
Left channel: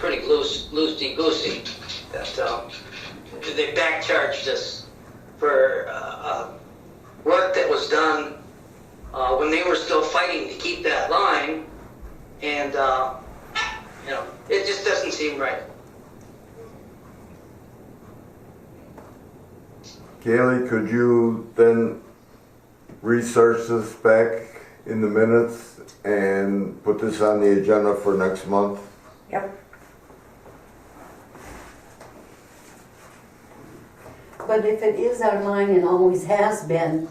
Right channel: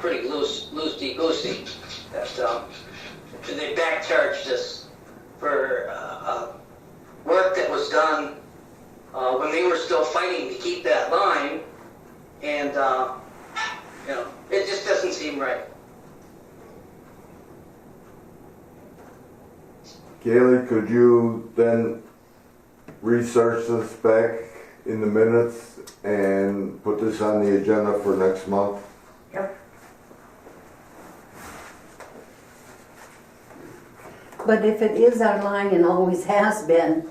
pretty loosey goosey. That they backcharged us for work that was done when they were still fighting to keep that line, and it just doesn't seem right. Kaylee, could you then research this back in the minutes and put this on the agenda for next month? Yep. But if it is our line and always has been,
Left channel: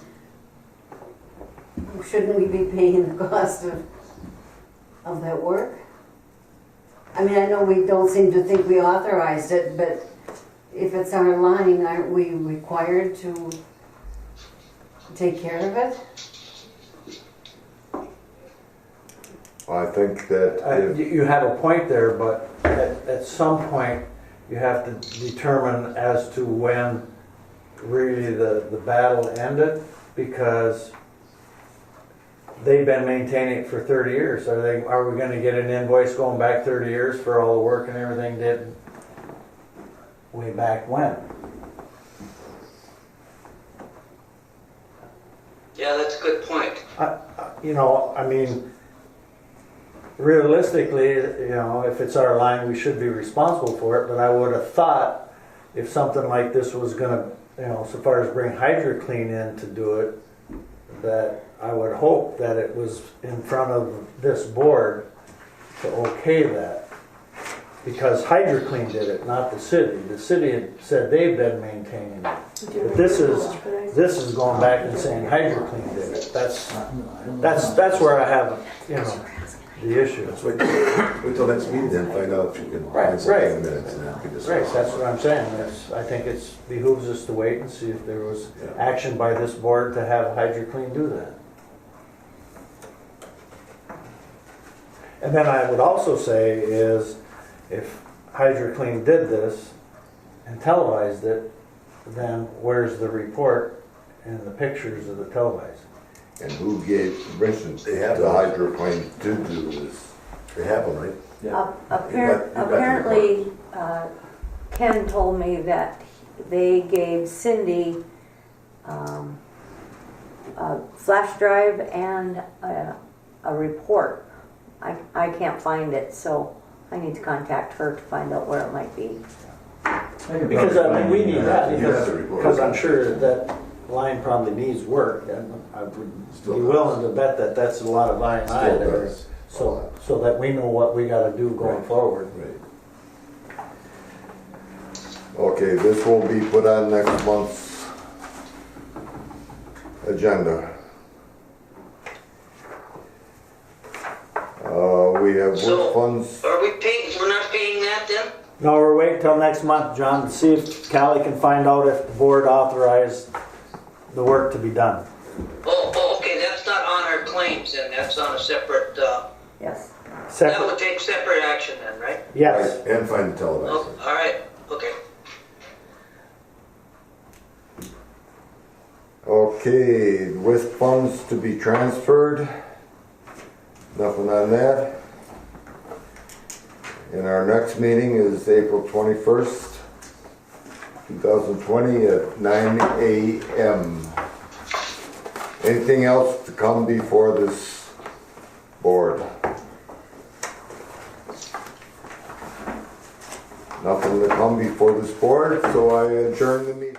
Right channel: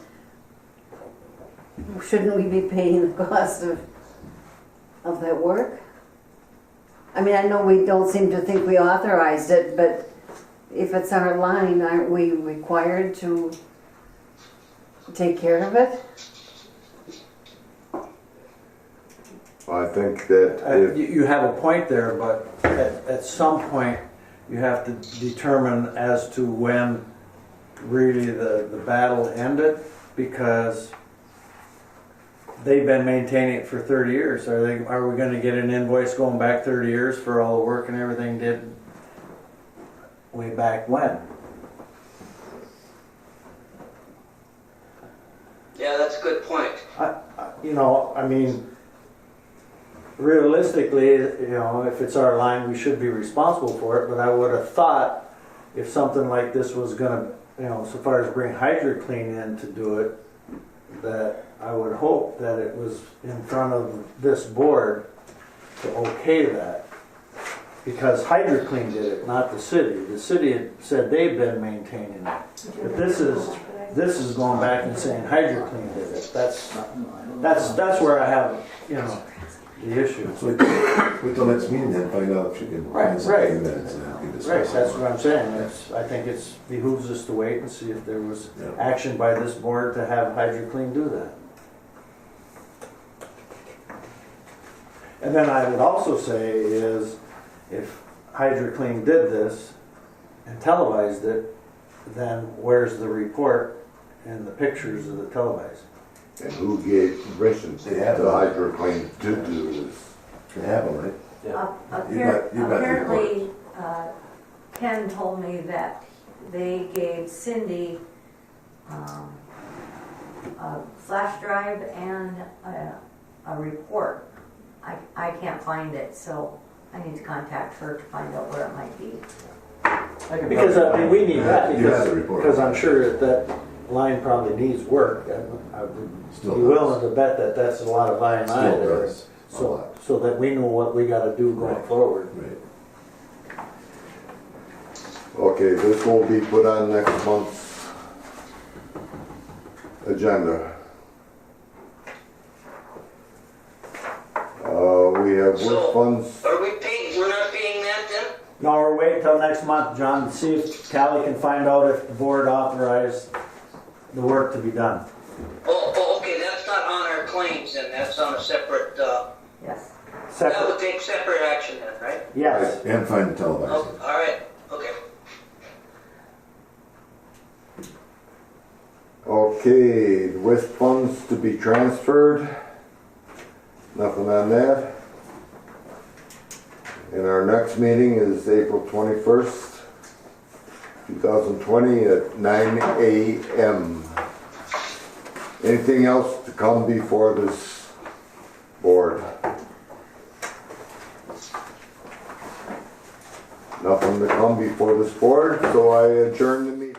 shouldn't we be paying the cost of that work? I mean, I know we don't seem to think we authorized it, but if it's our line, aren't we required to take care of it? Well, I think that if, You have a point there, but at some point you have to determine as to when really the battle ended, because they've been maintaining it for 30 years. Are we going to get an invoice going back 30 years for all the work and everything did way back when? Yeah, that's a good point. I mean, realistically, if it's our line, we should be responsible for it, but I would have thought if something like this was going to, so far as bring HydroClean in to do it, that I would hope that it was in front of this board to okay that. Because HydroClean did it, not the city. The city had said they've been maintaining it. But this is going back and saying HydroClean did it. That's where I have, the issue. Wait till next meeting then, find out if you can Right, find something right. in minutes and then we can discuss. Right, that's what I'm saying. I think it behooves us to wait and see if there was action by this board to have HydroClean do that. And then I would also say is, if HydroClean did this and televised it, then where's the report and the pictures of the tow guys? And who gave permission to They have the those. hydroplane to do this? They have one, right? Yeah. You've got the Apparently, Ken told me that they gave Cindy a flash drive and a report. I can't find it, so I need to contact her to find out where it might be. Because I mean, we need that You have the report. because I'm sure that line probably needs work, and I would be Still does. willing to bet that that's a lot of line Still items. does. So that we know what we gotta do going Right. forward. Right. Okay, this will be put on next month's agenda. We have So- work funds. Are we paying, we're not paying that then? No, we're waiting till next month, John, to see if Callie can find out if the board authorized the work to be done. Oh, okay, that's not on our claims then, that's on a separate, Yes. that Separate, would take separate action then, right? yes. And find the televisor. Oh, all right, okay. Okay, with funds to be transferred. Nothing on that. And our next meeting is April 21st, 2020 at 9 a.m. Anything else to come before this board? Nothing to come before this board, so I adjourn the meeting.